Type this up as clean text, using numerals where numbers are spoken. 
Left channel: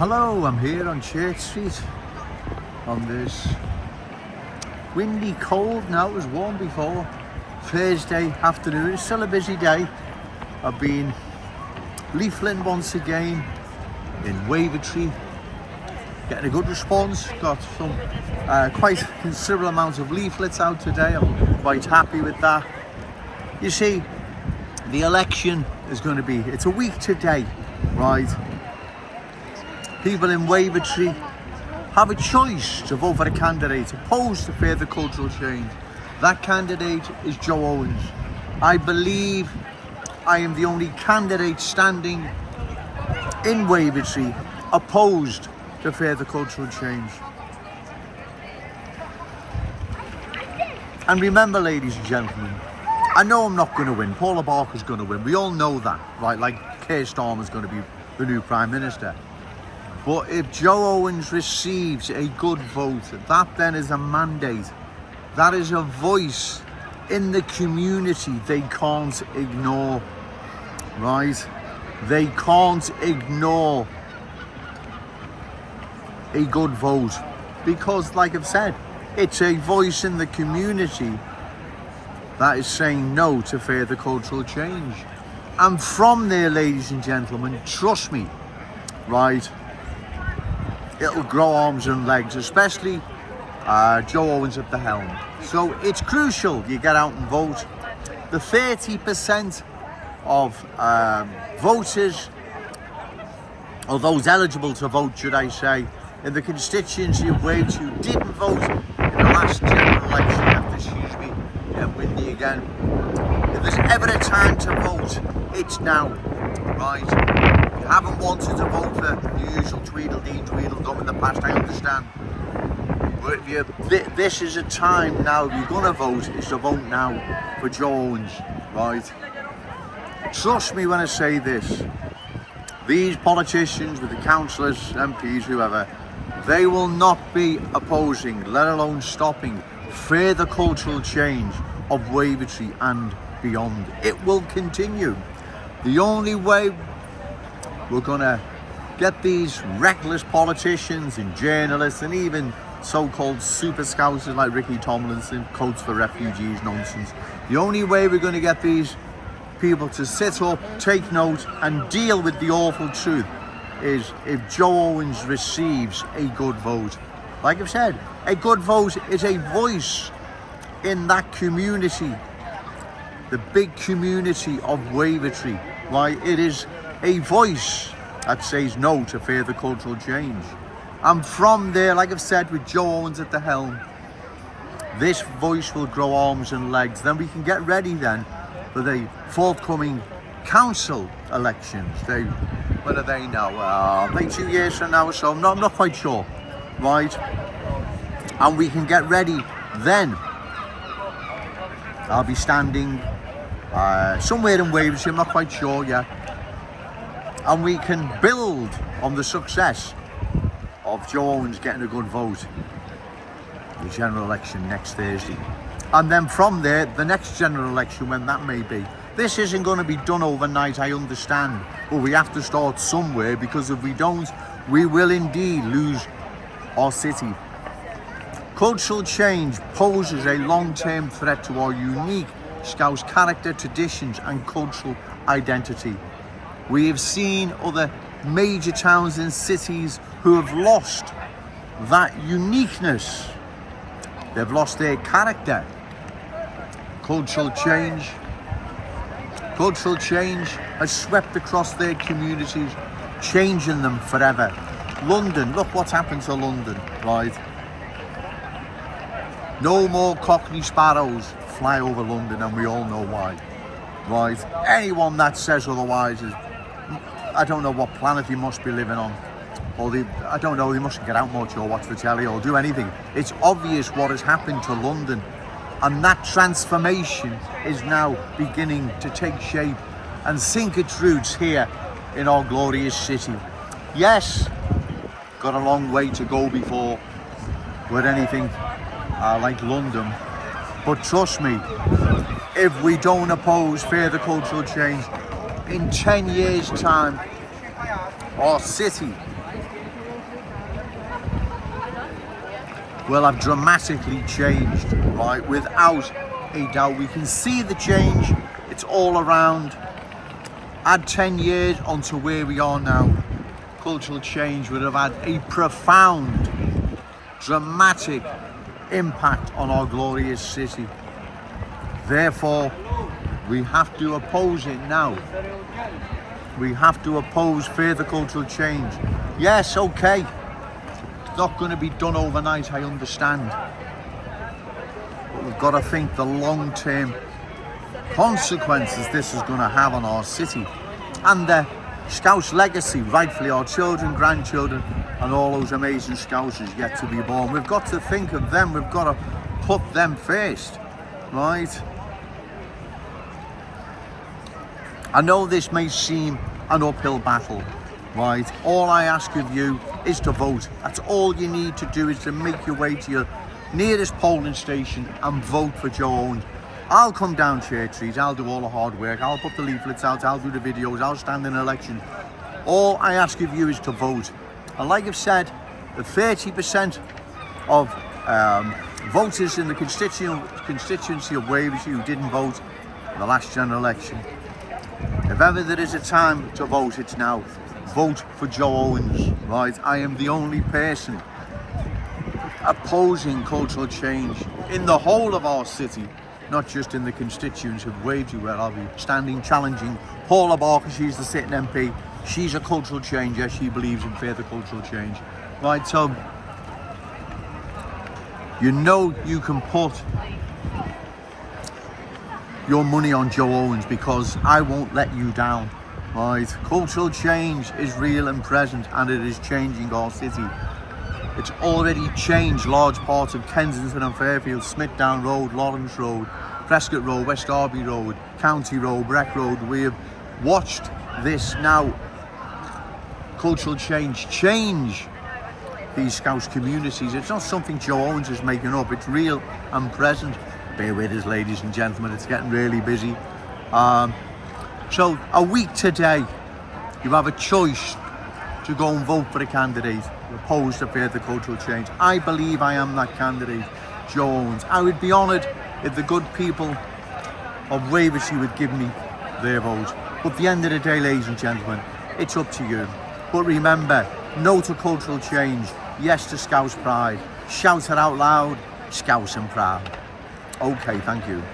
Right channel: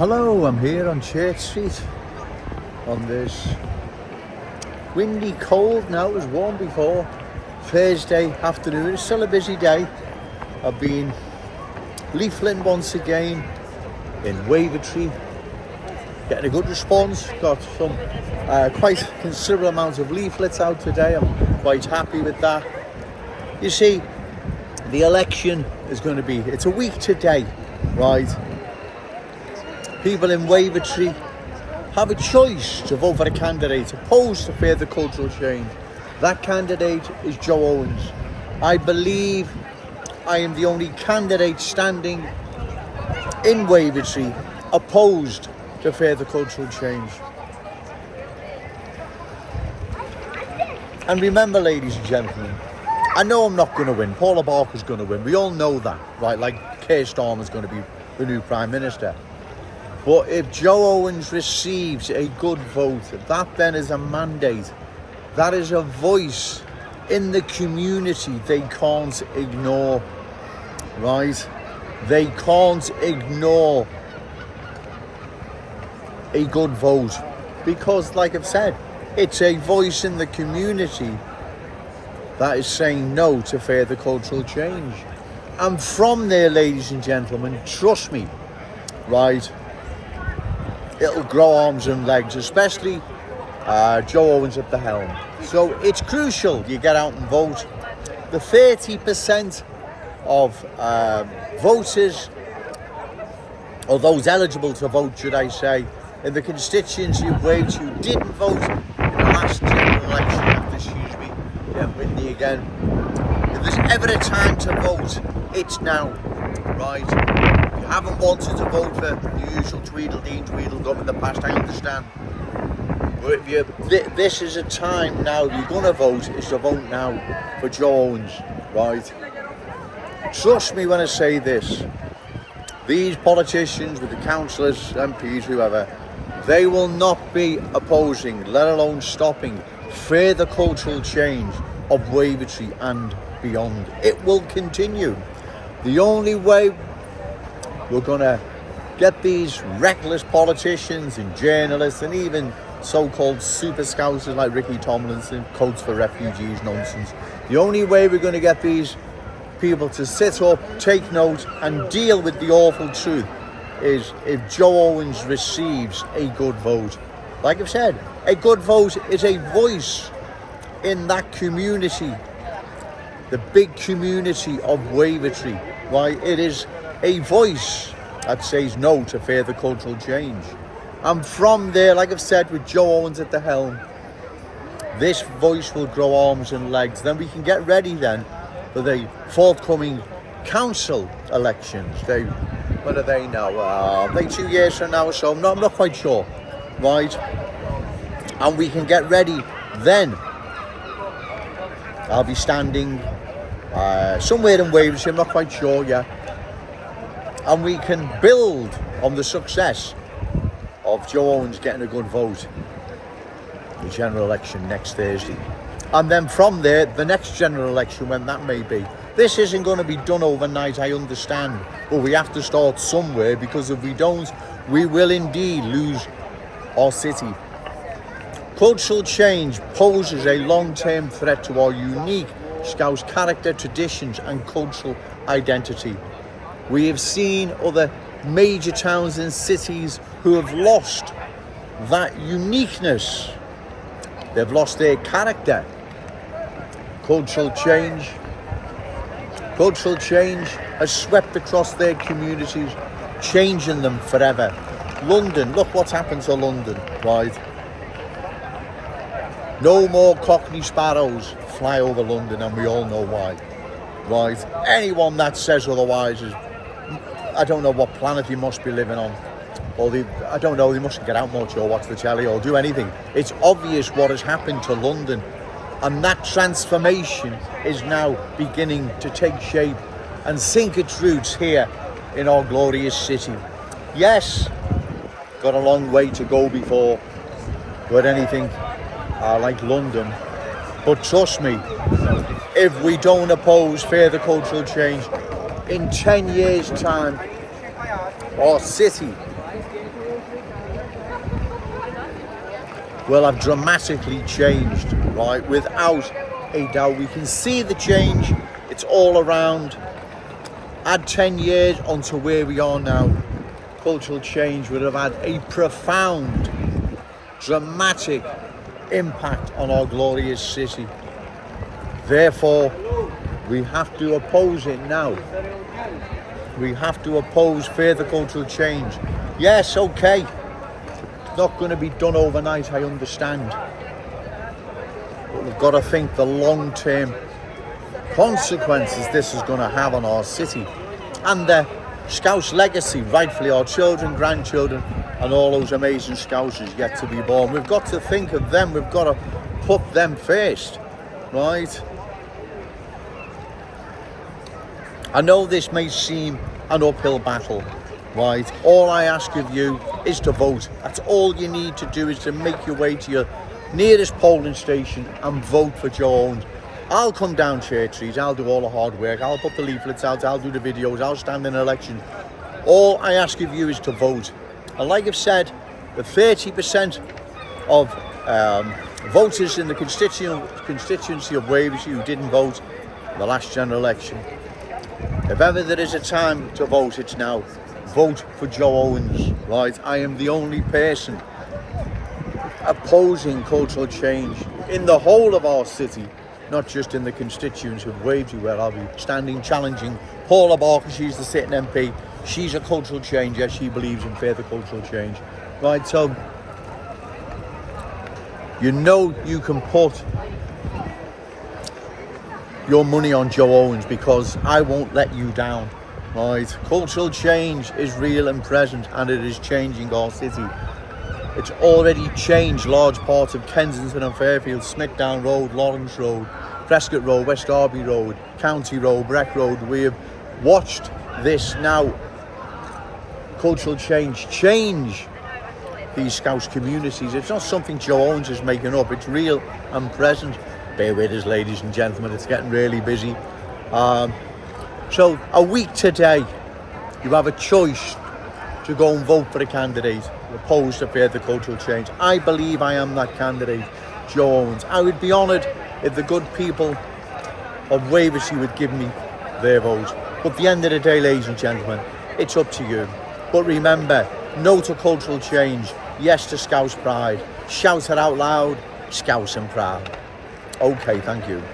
Hello, I'm here on Church Street on this windy, cold, now it was warm before, Thursday afternoon. It's still a busy day. I've been leafleting once again in Wavertree, getting a good response. Got some quite considerable amounts of leaflets out today. I'm quite happy with that. You see, the election is going to be, it's a week today, right? People in Wavertree have a choice to vote for a candidate opposed to further cultural change. That candidate is Joe Owens. I believe I am the only candidate standing in Wavertree opposed to further cultural change. And remember, ladies and gentlemen, I know I'm not going to win. Paula Barker's going to win. We all know that, right? Like Keir Starmer's going to be the new Prime Minister. But if Joe Owens receives a good vote, that then is a mandate. That is a voice in the community they can't ignore, right? They can't ignore a good vote because, like I've said, it's a voice in the community that is saying no to further cultural change. And from there, ladies and gentlemen, trust me, right, it'll grow arms and legs, especially Joe Owens at the helm. So it's crucial you get out and vote. The 30% of voters, or those eligible to vote, should I say, in the constituency of Wales who didn't vote in the last general election, excuse me, getting windy again. If there's ever a time to vote, it's now, right? If you haven't wanted to vote for the usual Tweedledee, Tweedledum in the past, I understand. But if this is a time now, if you're going to vote, it's to vote now for Joe Owens, right? Trust me when I say this. These politicians, with the councillors, MPs, whoever, they will not be opposing, let alone stopping, further cultural change of Wavertree and beyond. It will continue. The only way we're going to get these reckless politicians and journalists and even so-called super scousers like Ricky Tomlinson, Coats for Refugees nonsense, the only way we're going to get these people to sit up, take note and deal with the awful truth is if Joe Owens receives a good vote. Like I've said, a good vote is a voice in that community, the big community of Wavertree, right? It is a voice that says no to further cultural change. And from there, like I've said, with Joe Owens at the helm, this voice will grow arms and legs. Then we can get ready then for the forthcoming council elections. When are they now? Maybe 2 years from now or so. I'm not quite sure, right? And we can get ready then. I'll be standing somewhere in Wavertree, I'm not quite sure yet. And we can build on the success of Joe Owens getting a good vote in the general election next Thursday. And then from there, the next general election, when that may be. This isn't going to be done overnight, I understand. But we have to start somewhere, because if we don't, we will indeed lose our city. Cultural change poses a long-term threat to our unique Scouse character, traditions and cultural identity. We have seen other major towns and cities who have lost that uniqueness. They've lost their character. Cultural change has swept across their communities, changing them forever. London, look what's happened to London, right? No more Cockney sparrows fly over London, and we all know why, right? Anyone that says otherwise is, I don't know what planet he must be living on, or I don't know, they mustn't get out much or watch the telly or do anything. It's obvious what has happened to London, and that transformation is now beginning to take shape and sink its roots here in our glorious city. Yes, got a long way to go before we're anything like London, but trust me, if we don't oppose further cultural change, in 10 years' time, our city will have dramatically changed, right? Without a doubt. We can see the change. It's all around. Add 10 years onto where we are now, cultural change would have had a profound, dramatic impact on our glorious city. Therefore, we have to oppose it now. We have to oppose further cultural change. Yes, okay, it's not going to be done overnight, I understand. But we've got to think the long-term consequences this is going to have on our city and the Scouse legacy, rightfully our children, grandchildren, and all those amazing Scousers yet to be born. We've got to think of them. We've got to put them first, right? I know this may seem an uphill battle, right? All I ask of you is to vote. That's all you need to do, is to make your way to your nearest polling station and vote for Joe Owens. I'll come down Church Street, I'll do all the hard work, I'll put the leaflets out, I'll do the videos, I'll stand in elections. All I ask of you is to vote. And like I've said, the 30% of voters in the constituency of Wavertree who didn't vote in the last general election, if ever there is a time to vote, it's now. Vote for Joe Owens, right? I am the only person opposing cultural change in the whole of our city, not just in the constituency of Wavertree, where I'll be standing challenging Paula Barker. She's the sitting MP. She's a cultural changer. She believes in further cultural change. Right, so you know you can put your money on Joe Owens, because I won't let you down. Right, cultural change is real and present, and it is changing our city. It's already changed large parts of Kensington and Fairfield, Smithdown Road, Lawrence Road, Prescott Road, West Derby Road, County Road, Breck Road. We have watched this now, cultural change these Scouse communities. It's not something Joe Owens is making up, it's real and present. Bear with us, ladies and gentlemen, it's getting really busy. So a week today, you have a choice to go and vote for a candidate opposed to further cultural change. I believe I am that candidate, Joe Owens. I would be honoured if the good people of Wavertree would give me their vote. But at the end of the day, ladies and gentlemen, it's up to you. But remember, no to cultural change, yes to Scouse pride. Shout it out loud, Scouse and proud. Okay, thank you.